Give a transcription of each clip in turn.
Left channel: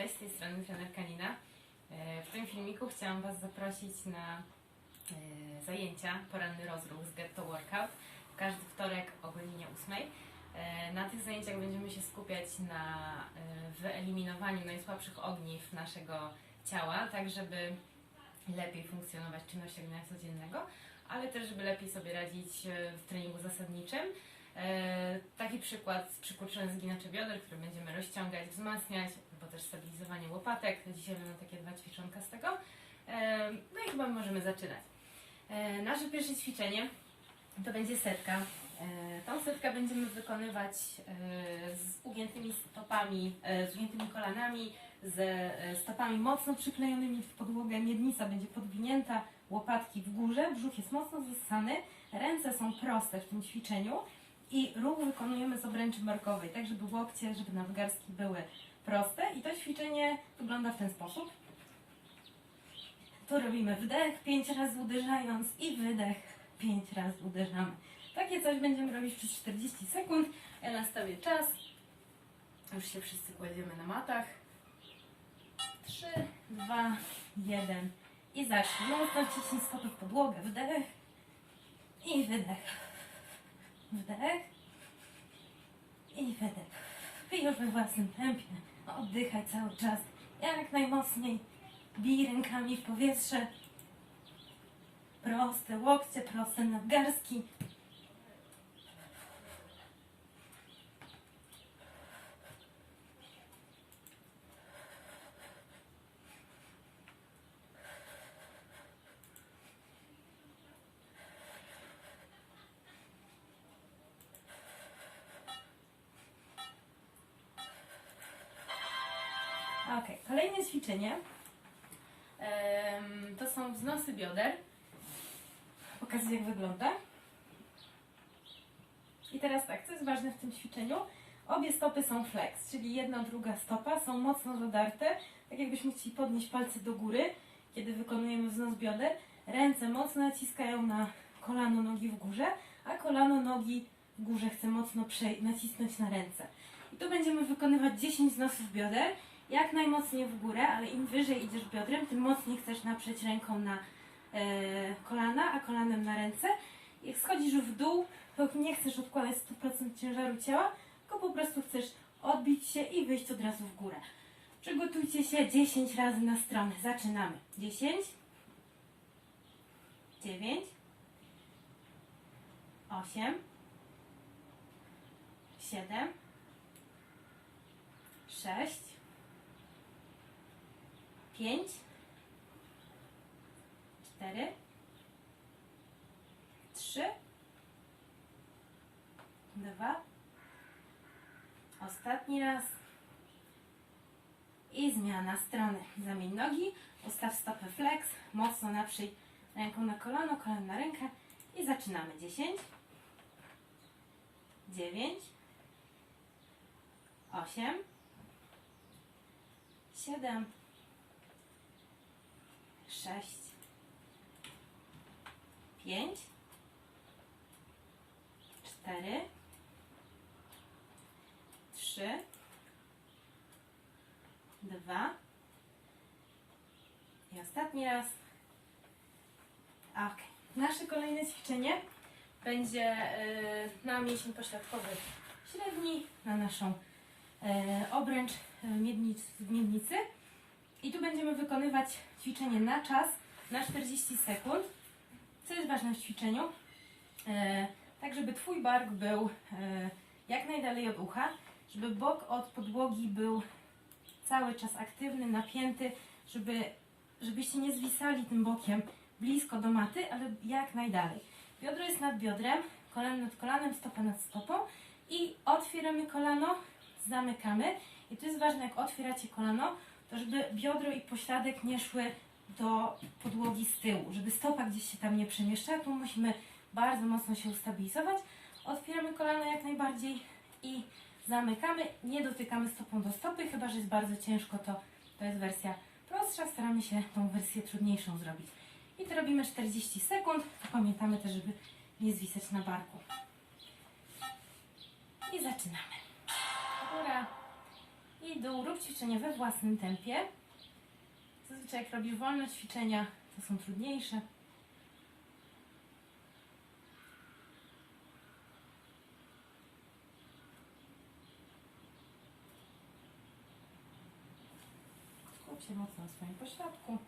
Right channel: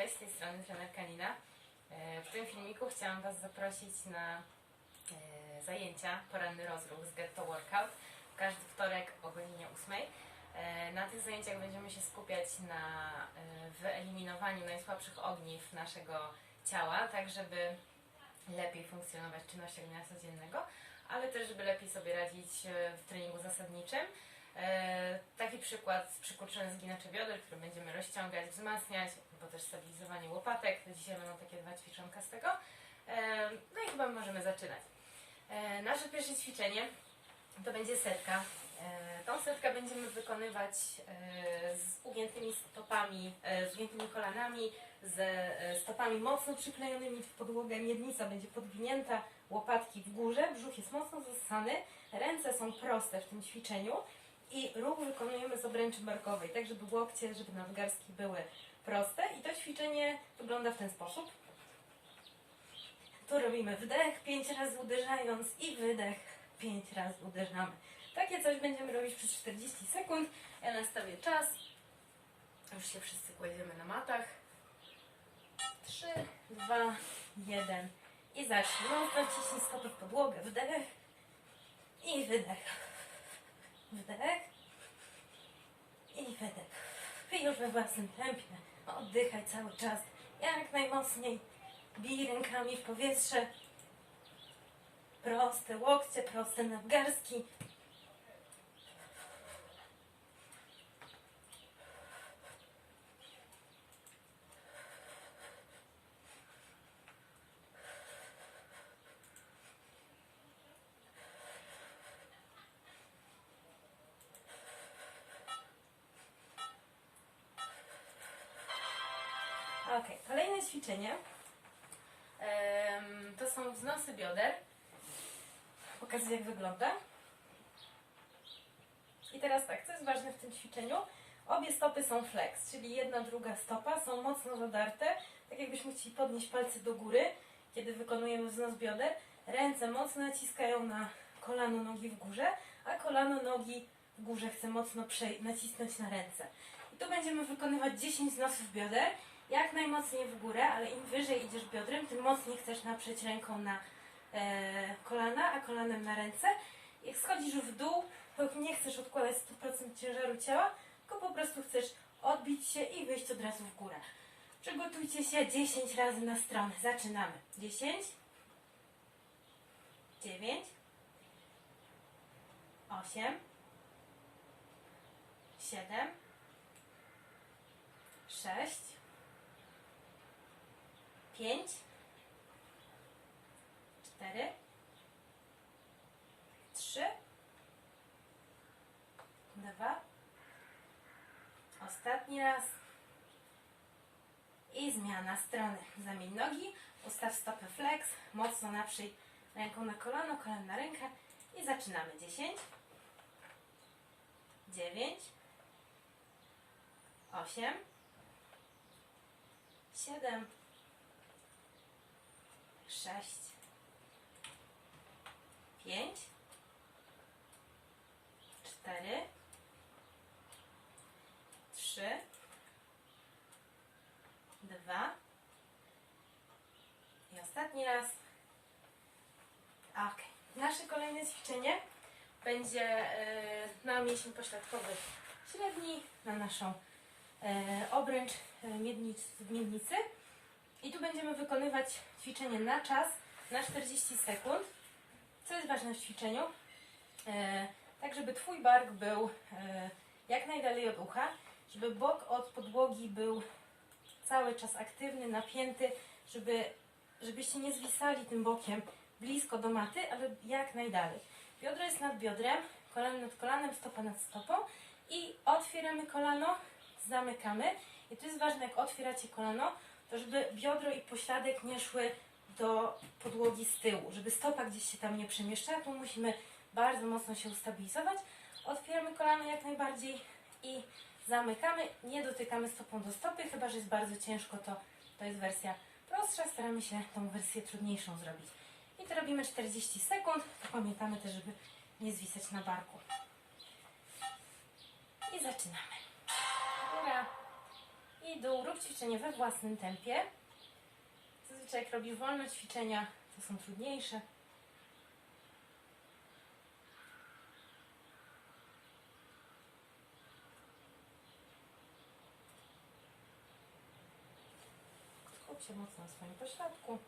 Cześć, z tej strony trener Kanina. E, W tym filmiku chciałam Was zaprosić na e, zajęcia Poranny Rozruch z Get to Workout w każdy wtorek o godzinie 8. E, Na tych zajęciach będziemy się skupiać na wyeliminowaniu najsłabszych ogniw naszego ciała, tak żeby lepiej funkcjonować czynnościach dnia codziennego, ale też żeby lepiej sobie radzić w treningu zasadniczym. E, Taki przykład z przykurczonym zginaczy bioder, który będziemy rozciągać, wzmacniać, bo też stabilizowanie łopatek. Dzisiaj będą takie dwa ćwiczonka z tego. E, No i chyba możemy zaczynać. E, Nasze pierwsze ćwiczenie to będzie setka. Tą setkę będziemy wykonywać z ugiętymi stopami, z ugiętymi kolanami, z e, stopami mocno przyklejonymi w podłogę. Miednica będzie podwinięta, łopatki w górze, brzuch jest mocno zassany, ręce są proste w tym ćwiczeniu i ruch wykonujemy z obręczy barkowej, tak żeby łokcie, żeby nadgarstki były proste i to ćwiczenie wygląda w ten sposób. Tu robimy wdech, pięć razy uderzając i wydech, pięć razy uderzamy. Takie coś będziemy robić przez 40 sekund. Ja nastawię czas. Już się wszyscy kładziemy na matach. 3, 2, 1 i zacznij. Mocno wciśnij stopy w podłogę. Wdech i wydech. Wdech i wydech. I już we własnym tempie. Oddychaj cały czas. Jak najmocniej. Bij rękami w powietrze. Proste łokcie, proste nadgarstki. Ok, kolejne ćwiczenie to są wznosy bioder. Pokażę jak wygląda. I teraz tak, co jest ważne w tym ćwiczeniu? Obie stopy są flex, czyli jedna, druga stopa są mocno zadarte, tak jakbyśmy chcieli podnieść palce do góry, kiedy wykonujemy wznos bioder. Ręce mocno naciskają na kolano nogi w górze, a kolano nogi w górze chce mocno nacisnąć na ręce. I tu będziemy wykonywać 10 wznosów bioder, jak najmocniej w górę, ale im wyżej idziesz biodrem, tym mocniej chcesz naprzeć ręką na e, kolana, a kolanem na ręce. Jak schodzisz w dół, to nie chcesz odkładać 100% ciężaru ciała, tylko po prostu chcesz odbić się i wyjść od razu w górę. Przygotujcie się 10 razy na stronę. Zaczynamy. 10, 9, 8, 7, 6, 5, 4, 3, 2, ostatni raz. I zmiana strony. Zamień nogi, ustaw stopę flex, mocno naprzyj ręką na kolano, kolano na rękę i zaczynamy. 10, 9, 8, 7, 6, 5, 4, 3, 2 i ostatni raz. Ok. Nasze kolejne ćwiczenie będzie e, na mięsień pośladkowy średni, na naszą e, obręcz e, miednic. I tu będziemy wykonywać ćwiczenie na czas, na 40 sekund. Co jest ważne w ćwiczeniu? E, tak, żeby Twój bark był e, jak najdalej od ucha, żeby bok od podłogi był cały czas aktywny, napięty, żeby, żebyście nie zwisali tym bokiem blisko do maty, ale jak najdalej. Biodro jest nad biodrem, kolano nad kolanem, stopa nad stopą i otwieramy kolano, zamykamy. I to jest ważne, jak otwieracie kolano, żeby biodro i pośladek nie szły do podłogi z tyłu, żeby stopa gdzieś się tam nie przemieszczała. Tu musimy bardzo mocno się ustabilizować. Otwieramy kolano jak najbardziej i zamykamy. Nie dotykamy stopą do stopy, chyba że jest bardzo ciężko, to, to jest wersja prostsza. Staramy się tą wersję trudniejszą zrobić. I to robimy 40 sekund. To pamiętamy też, żeby nie zwisać na barku. I zaczynamy. I dół. Rób ćwiczenie we własnym tempie. Zazwyczaj jak robisz wolne ćwiczenia, to są trudniejsze. Skup się mocno na swoim pośladku.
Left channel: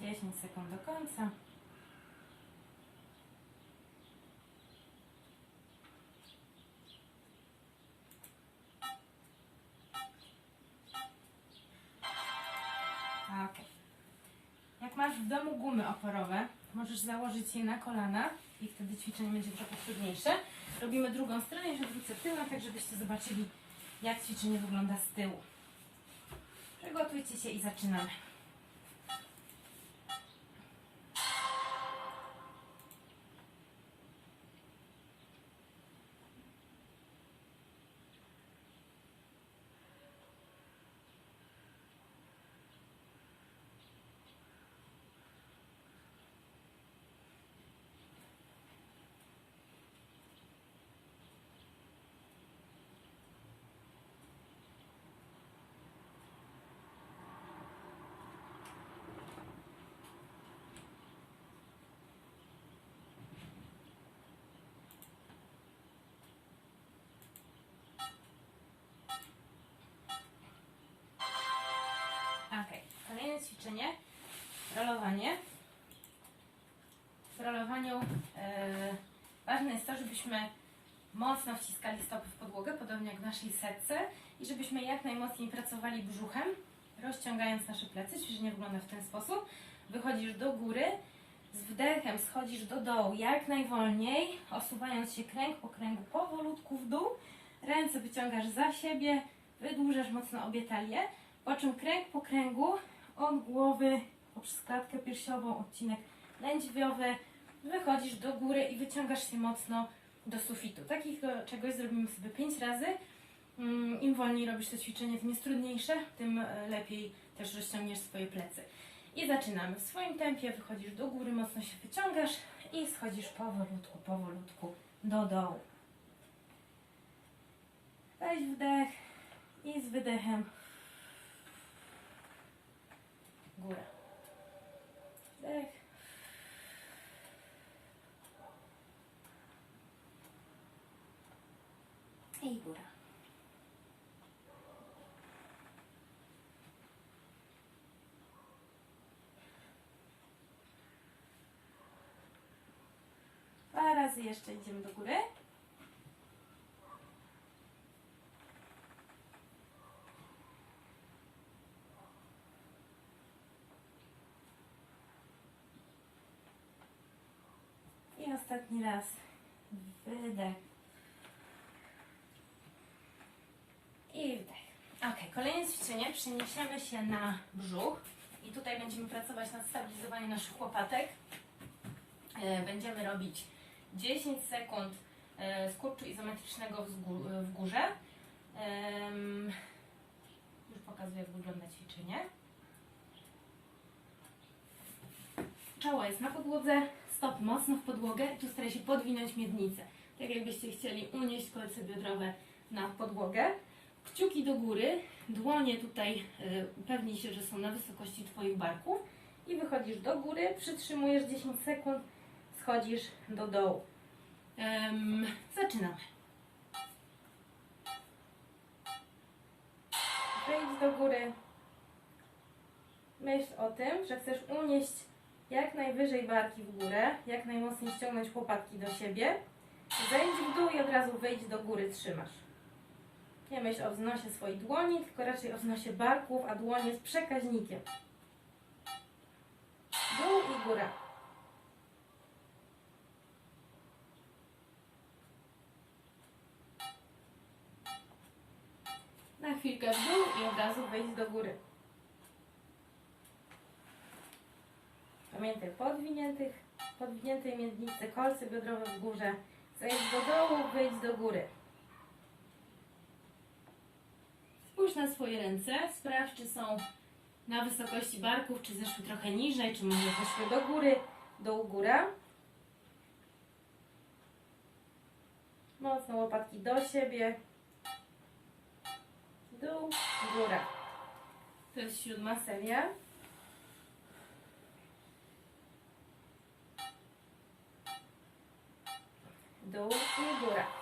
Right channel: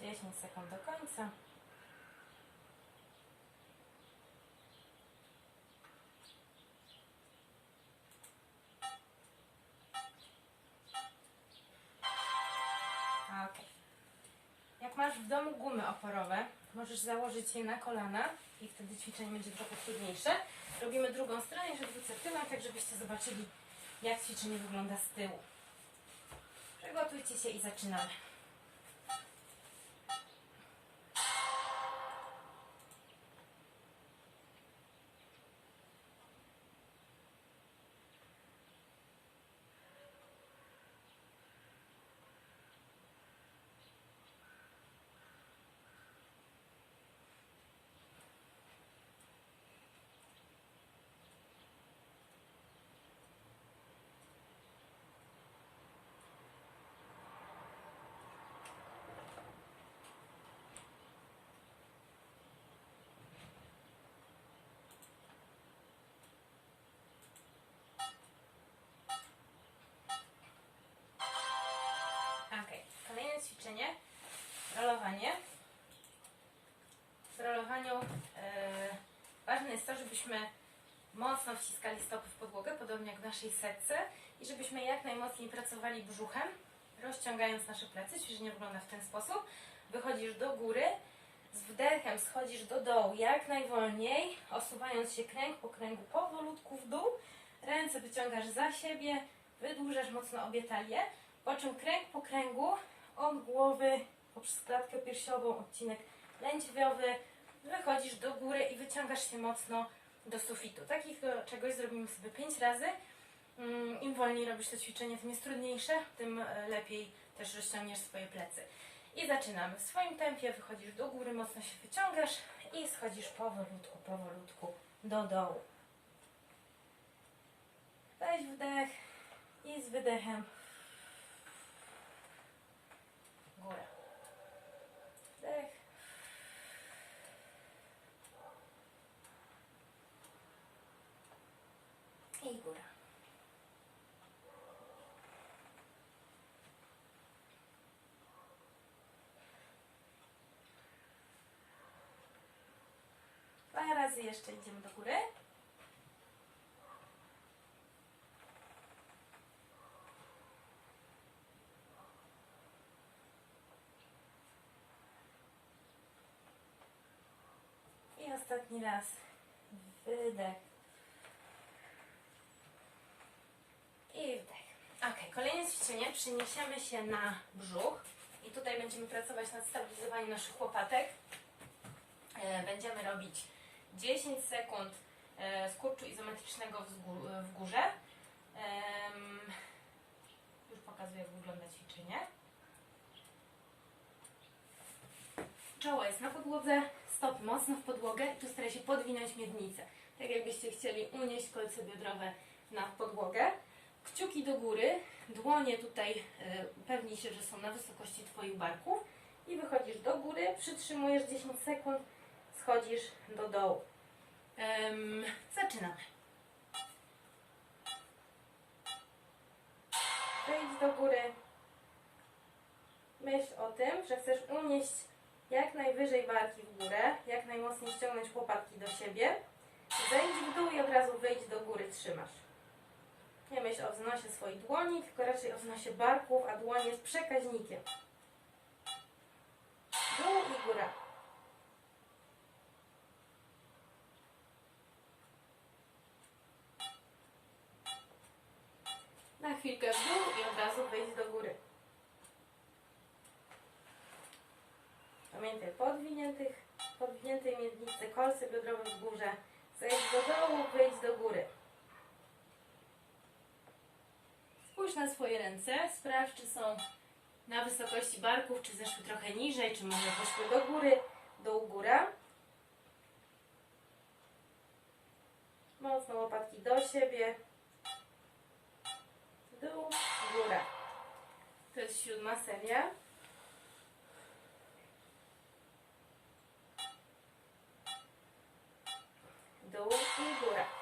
Dziesięć sekund do końca. Jak masz w domu gumy oporowe, możesz założyć je na kolana i wtedy ćwiczenie będzie trochę trudniejsze. Robimy drugą stronę, jeszcze wrócę tyłem, tak żebyście zobaczyli, jak ćwiczenie wygląda z tyłu. Przygotujcie się i zaczynamy. Ok, kolejne ćwiczenie. Rolowanie. W rolowaniu e, ważne jest to, żebyśmy mocno wciskali stopy w podłogę, podobnie jak w naszej setce i żebyśmy jak najmocniej pracowali brzuchem, rozciągając nasze plecy. Ćwiczenie wygląda w ten sposób. Wychodzisz do góry, z wdechem schodzisz do dołu jak najwolniej, osuwając się kręg po kręgu powolutku w dół. Ręce wyciągasz za siebie, wydłużasz mocno obie talie, po czym kręg po kręgu od głowy poprzez klatkę piersiową, odcinek lędźwiowy, wychodzisz do góry i wyciągasz się mocno do sufitu. Takiego czegoś zrobimy sobie 5 razy. Mm, Im wolniej robisz to ćwiczenie, tym jest trudniejsze, tym e, lepiej też rozciągniesz swoje plecy. I zaczynamy. W swoim tempie wychodzisz do góry, mocno się wyciągasz i schodzisz powolutku, powolutku do dołu. Weź wdech i z wydechem góra. Wdech. I góra. Dwa razy jeszcze idziemy do góry. Ostatni raz. Wydech. I wdech. Ok, kolejne ćwiczenie. Przeniesiemy się na brzuch. I tutaj będziemy pracować nad stabilizowaniem naszych łopatek. E, Będziemy robić 10 sekund e, skurczu izometrycznego w górze. Już pokazuję, jak wygląda ćwiczenie. Czoło jest na podłodze, stopy mocno w podłogę i tu staraj się podwinąć miednicę. Tak jakbyście chcieli unieść kolce biodrowe na podłogę. Kciuki do góry, dłonie tutaj y, pewnij się, że są na wysokości Twoich barków i wychodzisz do góry, przytrzymujesz 10 sekund, schodzisz do dołu. Em, zaczynamy. Wejdź do góry. Myśl o tym, że chcesz unieść jak najwyżej barki w górę, jak najmocniej ściągnąć łopatki do siebie. Zejdź w dół i od razu wyjdź do góry, trzymasz. Nie myśl o wznosie swoich dłoni, tylko raczej o wznosie barków, a dłoń jest przekaźnikiem. Dół i góra. Na chwilkę w dół i od razu wejdź do góry. Podwiniętych, podwiniętej miednicy, kolce biodrowe w górze. Zejdź do dołu, wejdź do góry. Spójrz na swoje ręce, sprawdź, czy są na wysokości barków, czy zeszły trochę niżej, czy może poszły do góry, dół, góra. Mocno łopatki do siebie. Dół, góra. To jest siódma seria. Dół i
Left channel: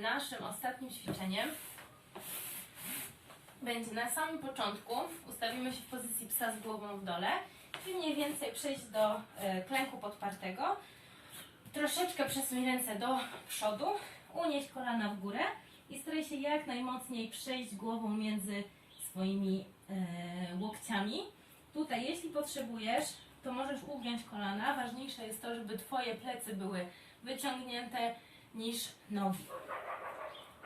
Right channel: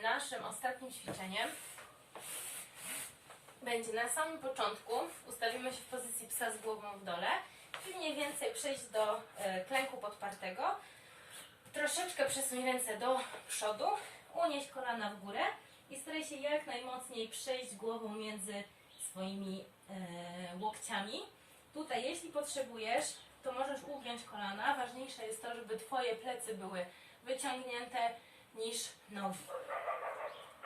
Naszym ostatnim ćwiczeniem będzie na samym początku. Ustawimy się w pozycji psa z głową w dole i mniej więcej przejść do e, klęku podpartego. Troszeczkę przesuń ręce do przodu, unieść kolana w górę i staraj się jak najmocniej przejść głową między swoimi e, łokciami. Tutaj, jeśli potrzebujesz, to możesz ugiąć kolana. Ważniejsze jest to, żeby Twoje plecy były wyciągnięte niż nogi.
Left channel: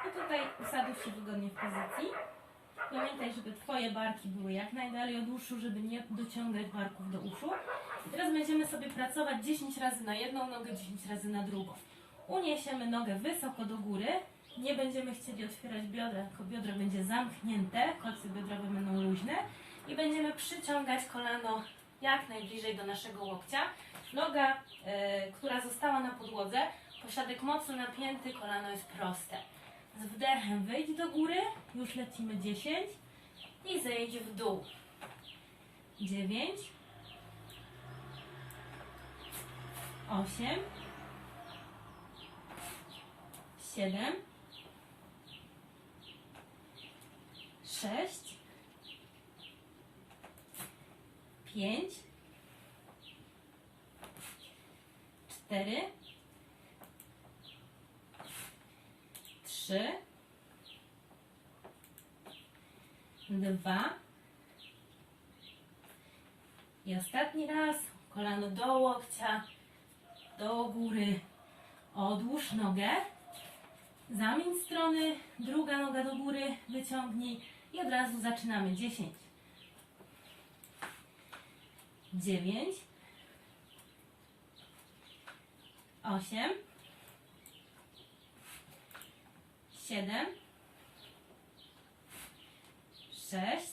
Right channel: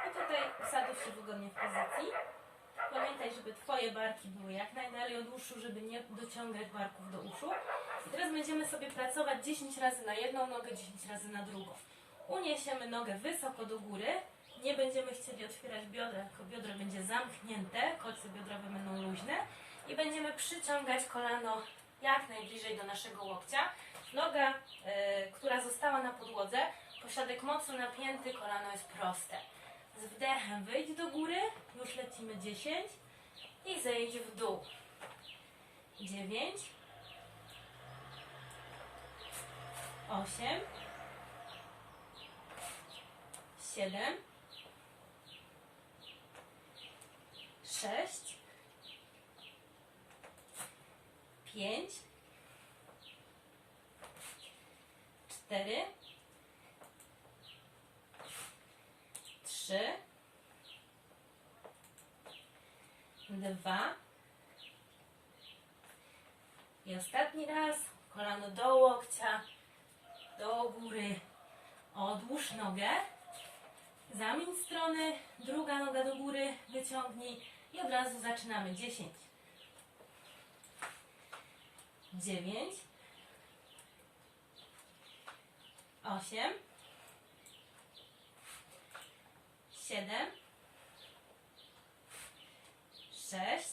I tutaj usadzisz się wygodnie w pozycji. Pamiętaj, żeby Twoje barki były jak najdalej od uszu, żeby nie dociągać barków do uszu. I teraz będziemy sobie pracować 10 razy na jedną nogę, 10 razy na drugą. Uniesiemy nogę wysoko do góry. Nie będziemy chcieli otwierać biodra, tylko biodro będzie zamknięte, kolce biodrowe będą luźne. I będziemy przyciągać kolano jak najbliżej do naszego łokcia. Noga, e, która została na podłodze, pośladek mocno napięty, kolano jest proste. Z wdechem wyjdź do góry, już lecimy 10 i zejdź w dół. 9, 8, 7, 6, 5, 4, trzy, dwa. I ostatni raz kolano do łokcia, do góry, odłóż nogę, zamień strony, druga noga do góry, wyciągnij i od razu zaczynamy. 10, 9, 8, siedem, sześć,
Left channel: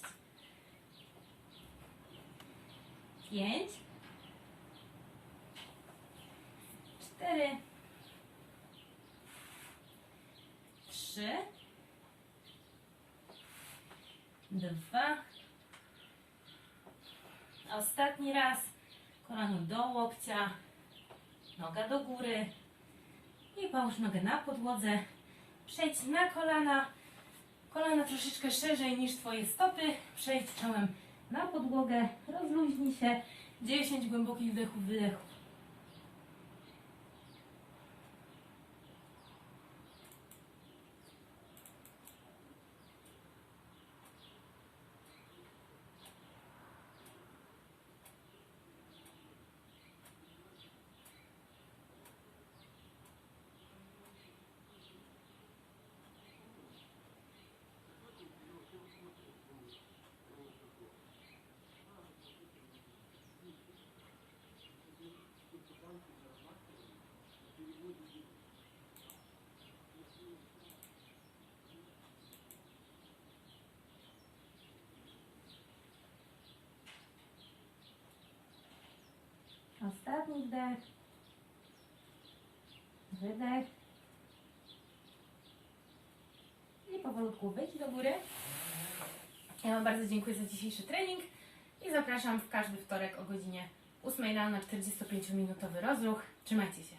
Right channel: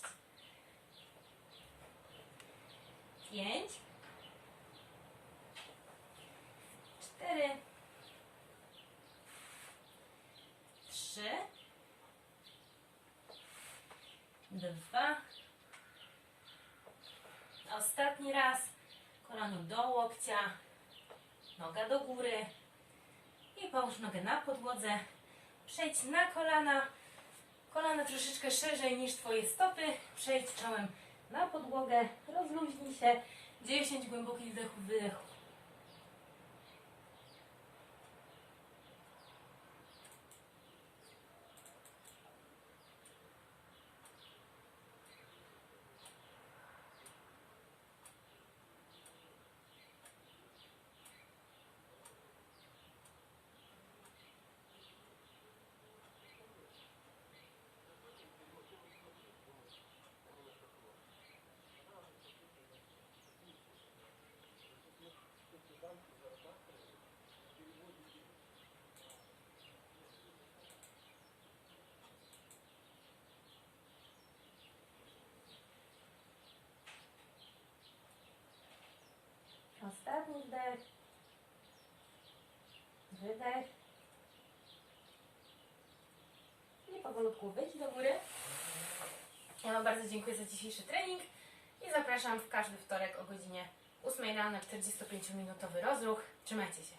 pięć, cztery, trzy, dwa, ostatni raz, kolano do łokcia, noga do góry i połóż nogę na podłodze. Przejdź na kolana. Kolana troszeczkę szerzej niż Twoje stopy. Przejdź czołem na podłogę. Rozluźnij się. 10 głębokich wdechów, wydechów. Ostatni wdech. Wydech. I powolutku wyjdź do góry. Ja Wam bardzo dziękuję za dzisiejszy trening i zapraszam w każdy wtorek o godzinie 8 rano na 45-minutowy rozruch. Trzymajcie się.